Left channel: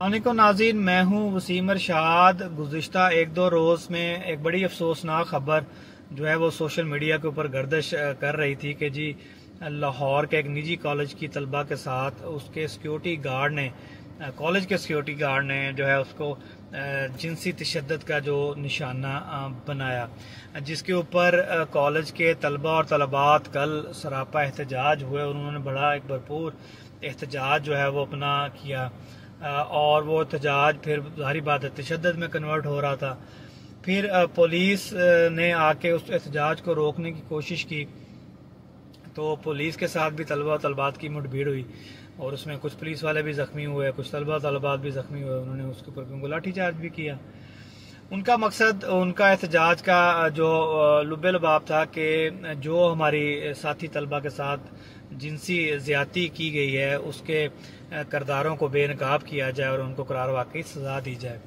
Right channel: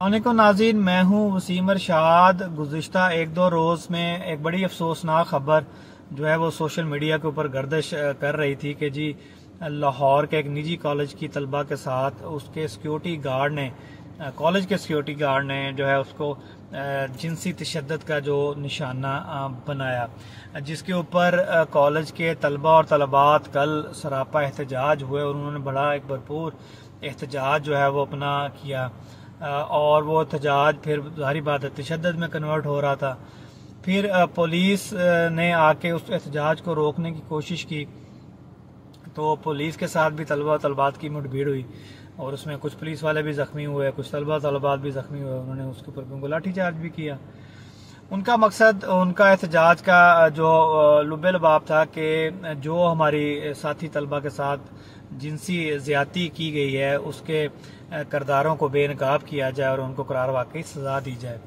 वालेकुम नाज़रीन, मैं हूं वसीम अरशाद। गुज़िश्ता एक दो रोज में एक बड़ी अफसोसनाक खबर जो है वो सोशल मीडिया के ऊपर गर्दिश कर रही थी कि जी लाहौर के एक निजी कॉलेज की तलबा के साथ उसके सिक्योरिटी गार्ड ने कॉलेज के सिक्योरिटी गार्ड ने जो है उसको जिनसी तशद्दुद का जो निशाना बनाया, जिसके ऊपर कॉलेज के तलबा और तलबात कल सरापा एहतजाज हुए और उन्होंने बड़ा एक भरपूर एहतजाज जो है वो अपना किया और वो एहतजाज फिर जाहिर बात है तशद्दुद में कन्वर्ट हो रहा था। फिर पुलिस ने आके उस एहतजाज को रोकने की कोशिश की तो पुलिस के साथ भी तलबा तलबात की मुठभेड़ हुई और उसमें कुछ पुलिस वाले भी जख्मी हुए, कुछ तलबा तलबात भी जख्मी हुए। उन्होंने उसके ऊपर उनको लाठीचार्ज भी किया। उनका मकसद, उनका एहतजाज का जो लुब्बे लबाब था कि जो हमारी साथी तलबा के साथ जिनसी ज्यादती की गई है उसके करदारों को बेनकाब किया जाए और उनको करार वाकई सजा दी जाए।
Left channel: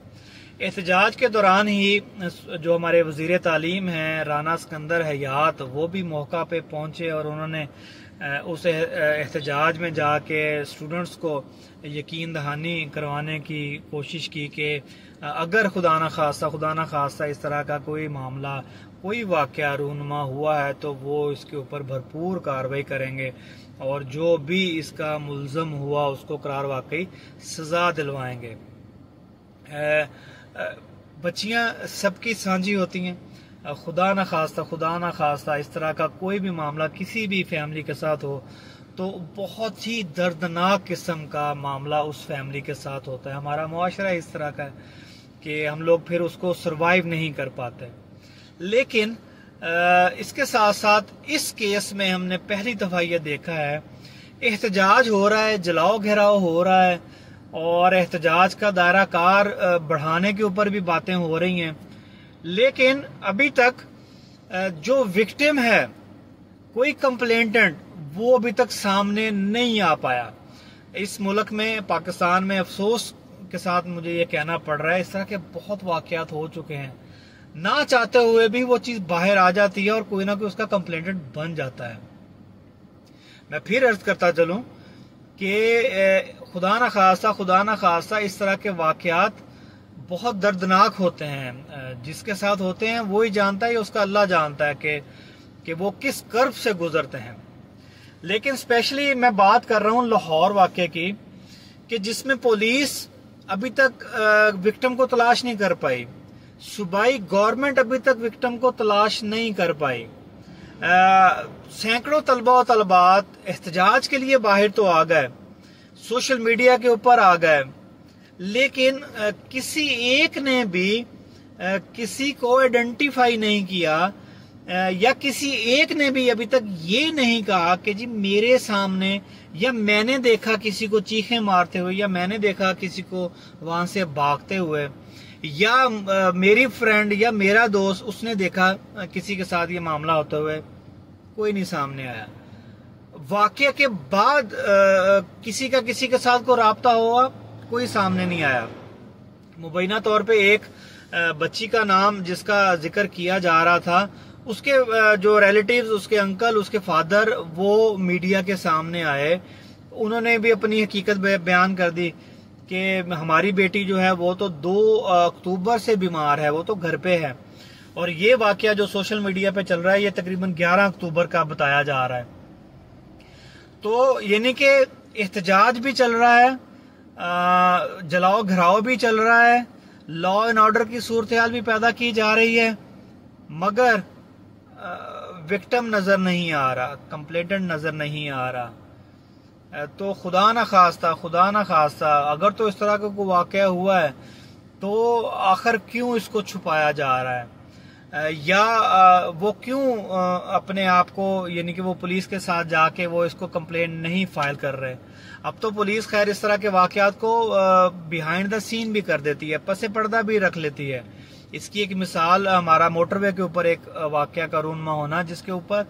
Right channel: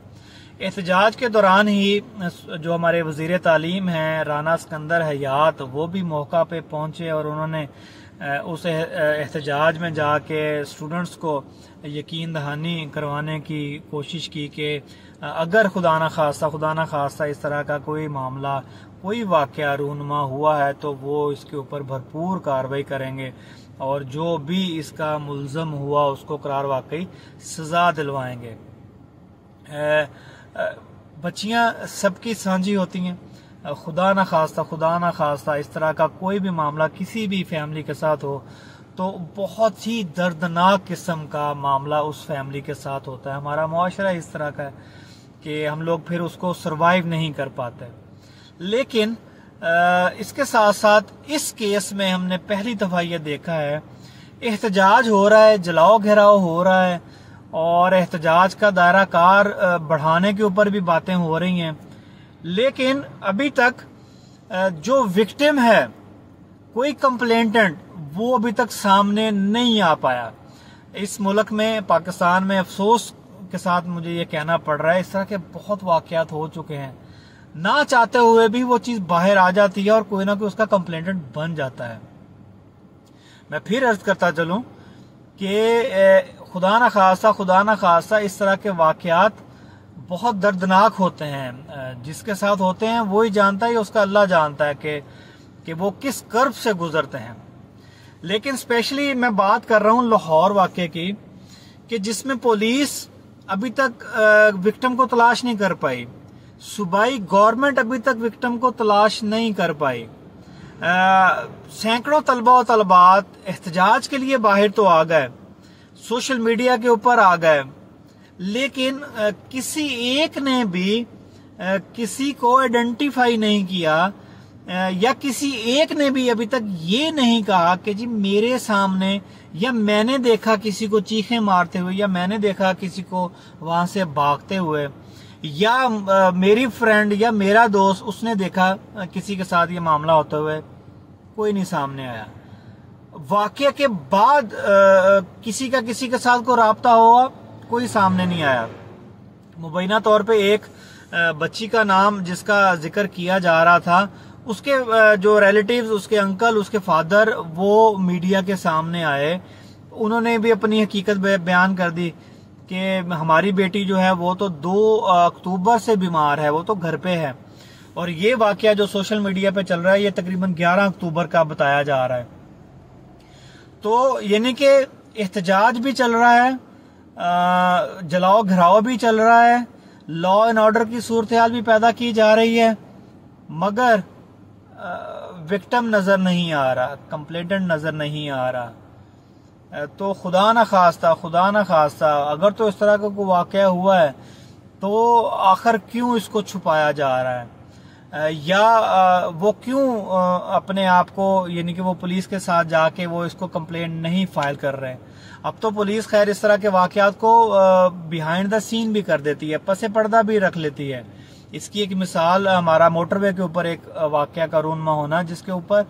एहतजाज के दौरान ही जो हमारे वजीर तालीम हैं राना सिकंदर हयात, वो भी मौका पे पहुंचे और उन्होंने उस एहतजाज में जाके स्टूडेंट्स को यकीन दहानी करवाने की कोशिश की कि अगर खुदा न खास्ता इस तरह का कोई मामला, कोई वाकया रूनुमा हुआ है तो वो इसके ऊपर भरपूर कार्रवाई करेंगे और जो भी इसका मुल्ज़म हुआ उसको करार वाकई सजा दिलवाएंगे। बच्चियां सबकी साझी होती हैं, खुदा न खास्ता इस तरह का कोई भी मामला किसी भी फैमिली के साथ हो तो बहुत ही दर्दनाक किस्म का मामला उस फैमिली के साथ होता है। हमारा मुआशरा इस तरह का है कि हम लोग फिर उसको सरवाइव नहीं कर पाते। लेकिन इसके साथ साथ इस केस में हमने पहली दफा यह देखा है, एहतजाज हो रहा है, जलाओ घेराव हो रहा है और एहतजाज का दायरा कार बढ़ाने के ऊपर भी बातें हो रही हैं, लेकिन अभी तक जो विक्टिम है, कोई कंप्लेंटेंट, वो अभी तक सामने नहीं आ पाया। इस मुल्क में, पाकिस्तान में अफसोस के साथ मुझे ये कहना पड़ रहा है, इस तरह के बहुत वाकयात हो चुके हैं, ना चाहते हुए भी वो चीज बाहर आ जाती है और कोई ना कोई उसका कंप्लेंटेंट बन जाता है। मैं फिर अर्ज करता चलूं कि खुदा न खास्ता इस तरह के वाकयात बहुत दर्दनाक होते हैं। जिसके साथ होते हैं वो ही जानता है, उसका अल्लाह जानता है कि वो किस कर्ब से गुजरते हैं। लेकिन स्पेशली मैं बात कर रहा हूं लाहौर वाकये की, कि जिसमें पुलिस अभी तक विक्टिम को तलाश नहीं कर पाई, सूबाई गवर्नमेंट अभी तक विक्टिम को तलाश नहीं कर पाई। सैकड़ों तलबा और तलबात एहतजाज के लिए बाहर तो आ गए, सोशल मीडिया के ऊपर आ गए, लेकिन किसी एक ने भी किसी को आइडेंटिफाई नहीं किया या किसी एक ने भी अभी तक ये नहीं कहा कि जी मेरे सामने, या मैंने देखा किसी को चीखें मारते हुए, या मैंने देखा किसी को वहां से भागते हुए, या मेरी फ्रेंड या मेरा दोस्त उसने देखा किसी के साथ ये मामला होते हुए। कोई नहीं सामने आया। वाकया के बाद किसी का किसी के साथ को राब्ता हुआ, कोई सामने नहीं आया। मुबैना तौर पे एक बच्ची का नाम जिसका जिक्र किया जा रहा था, उसके जो रिलेटिव्स, उसके अंकल, उसके फादर, वो मीडिया के सामने आए। उन्होंने भी अपनी हकीकत बयान कर दी कि हमारी बेटी जो है वो तो 2 अक्टूबर से बीमार है, वो तो घर पे है। और ये वाकया जो सोशल मीडिया पे चल रहा है ये तकरीबन 11 अक्टूबर का बताया जा रहा है। तो यानी कि एहतजाज भी चल रहा है, जलाओ घराव भी चल रहा है, लॉ एंड ऑर्डर की सूरत हाल भी पैदा की जा रही है, मगर विक्टिम नजर नहीं आ रहा, कंप्लेंटेंट नजर नहीं आ रहा। तो खुदा न खास्ता अगर तो इस तरह का कोई वाकया हुआ है तो आखिर क्यों इसको छुपाया जा रहा है, या वो क्यों अपने आप को, यानी कि वो पुलिस के साथ जाके वो इसको कंप्लेंट नहीं फाइल कर रहे। अब तो पुलिस खैर इस तरह के वाकयात को बिहाइंड द सीन भी कर देती है, पसे पर्दा भी रख लेती है। इसकी एक मिसाल हमारा मोटरवे के ऊपर एक वाकया का रूनमा होना, जिसके ऊपर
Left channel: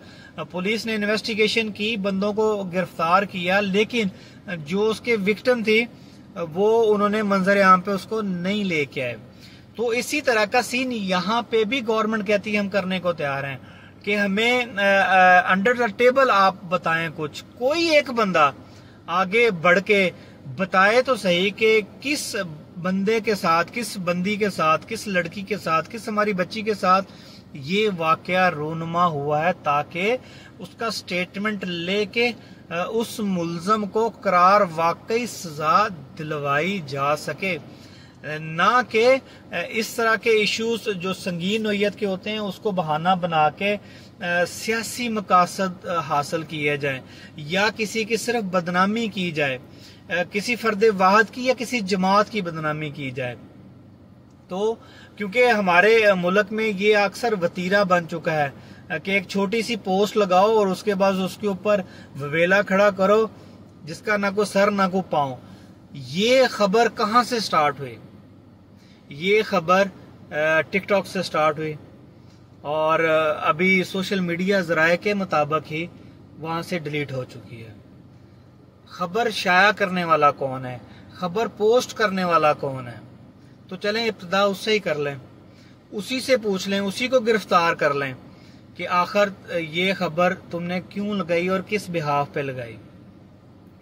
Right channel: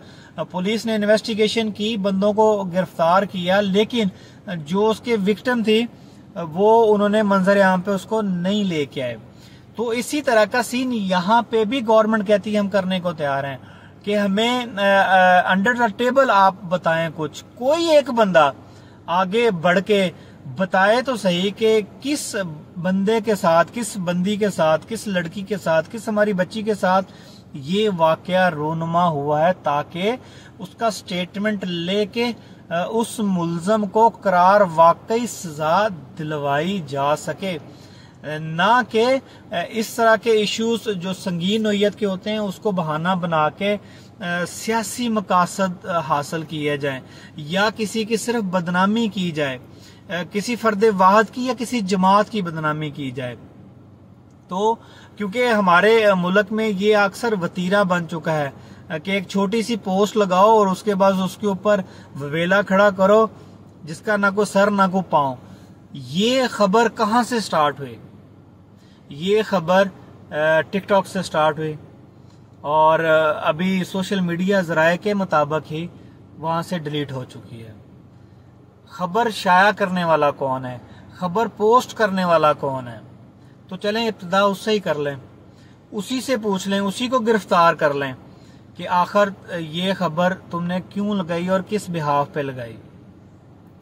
पुलिस ने इन्वेस्टिगेशन की, बंदों को गिरफ्तार किया, लेकिन जो उसके विक्टिम थी वो उन्होंने मंजर आम पे उसको नहीं लेके आए। तो इसी तरह का सीन यहाँ पे भी गवर्नमेंट कहती है हम करने को तैयार हैं कि हमें अंडर द टेबल आप बताएं कुछ, कोई एक बंदा आगे बढ़ के बताए तो सही कि किस बंदे के साथ, किस बंदी के साथ, किस लड़की के साथ, किस हमारी बच्ची के साथ ये वाकया रोनुमा हुआ है, ताकि उसका स्टेटमेंट लेके उस मुल्जम को करार वाकई सजा दिलवाई जा सके, ना कि इस तरह के इश्यूज जो संगीन नोयत के होते हैं उसको बहाना बना के सियासी मकासद हासिल किए जाए या किसी की सिर्फ बदनामी की जाए, किसी फर्द वाहद की या किसी जमात की बदनामी की जाए। तो क्योंकि हमारे मुल्क में ये अक्सर वतीरा बन चुका है कि एक छोटी सी पोस्ट लगाओ और उसके बाद उसके ऊपर ववेला खड़ा करो जिसका ना कोई सर ना कोई पांव। ये खबर कहाँ से स्टार्ट हुई? ये खबर टिकटॉक से स्टार्ट हुई और अभी सोशल मीडिया जराए के मुताबिक ही वहां से डिलीट हो चुकी है। खबर शाया करने वाला कौन है? खबर पोस्ट करने वाला कौन है? तो चलें इब्तिदा उससे ही कर लें, उसी से पूछ लें, उसी को गिरफ्तार कर लें कि आखिर ये खबर तुमने क्यों लगाई और किस बिहाफ पे लगाई।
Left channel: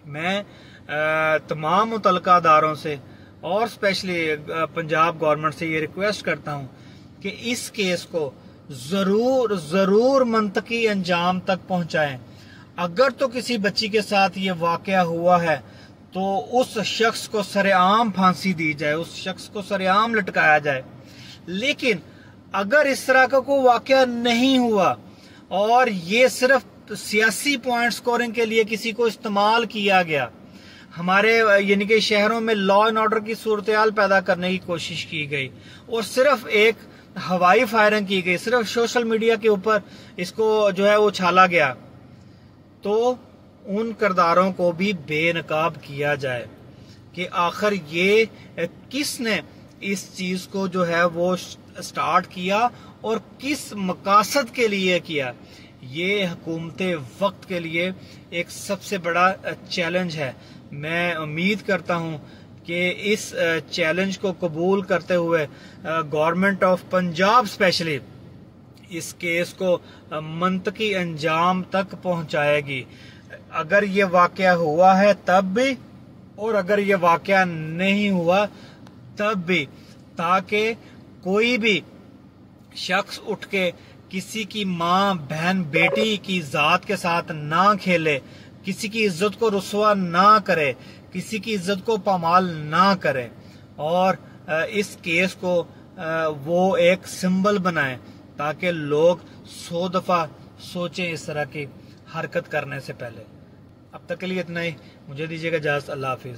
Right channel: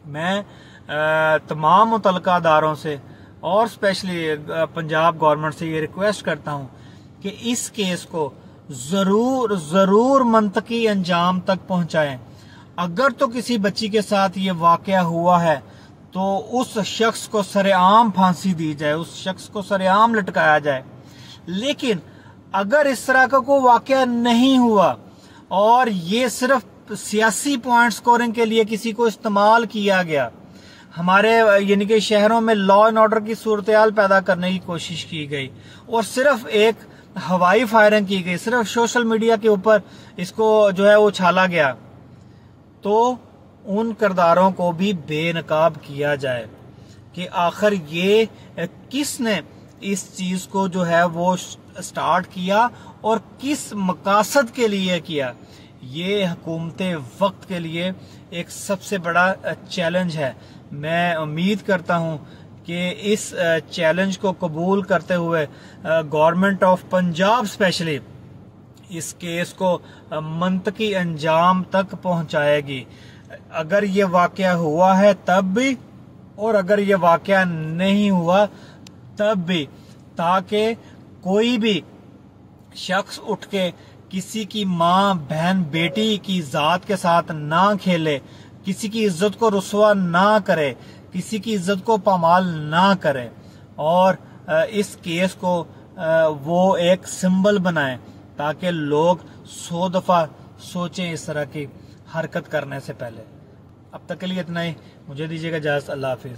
मैं तमाम मुतल्लिका अदारों से और स्पेशली पंजाब गवर्नमेंट से ये रिक्वेस्ट करता हूं कि इस केस को जरूर मंतकी अंजाम तक पहुंचाएं। अगर तो किसी बच्ची के साथ ये वाकया हुआ है तो उस शख्स को सरेआम फांसी दी जाए, उस शख्स को सरेआम लटकाया जाए। लेकिन अगर इस तरह का कोई वाकया नहीं हुआ और ये सिर्फ सियासी पॉइंट स्कोरिंग के लिए किसी को इस्तेमाल किया गया, हमारे यानी कि शहरों में लॉ एंड ऑर्डर की सूरत-ए-हाल पैदा करने की कोशिश की गई और सिर्फ एक हवाई फायरिंग की गई, सिर्फ सोशल मीडिया के ऊपर इसको जो है वो उछाला गया, तो उन किरदारों को भी बेनकाब किया जाए कि आखिर ये किसने इस चीज को जो है वो स्टार्ट किया और किस मकासद के लिए किया। ये हुकूमत वक्त के लिए एक सबसे बड़ा चैलेंज है। मैं उम्मीद करता हूं कि इस चैलेंज को कबूल करते हुए गवर्नमेंट ऑफ पंजाब स्पेशली इस केस को मंतकी अंजाम तक पहुंचाएगी। अगर ये वाकया हुआ है तब भी और अगर ये वाकया नहीं हुआ तब भी, ताकि कोई भी शख्स उठ के किसी की माँ बहन बेटी की जात के साथ ना खेले, किसी की इज्जत को रुसवा ना करे, किसी की इज्जत को पामाल ना करे और इस केस को वो एक सिंबल बनाए ताकि लोग 100 दफा सोचें इस तरह की हरकत करने से पहले। अब तक के लिए इतना ही, मुझे दीजिएगा इजाज़त। अल्लाह हाफिज।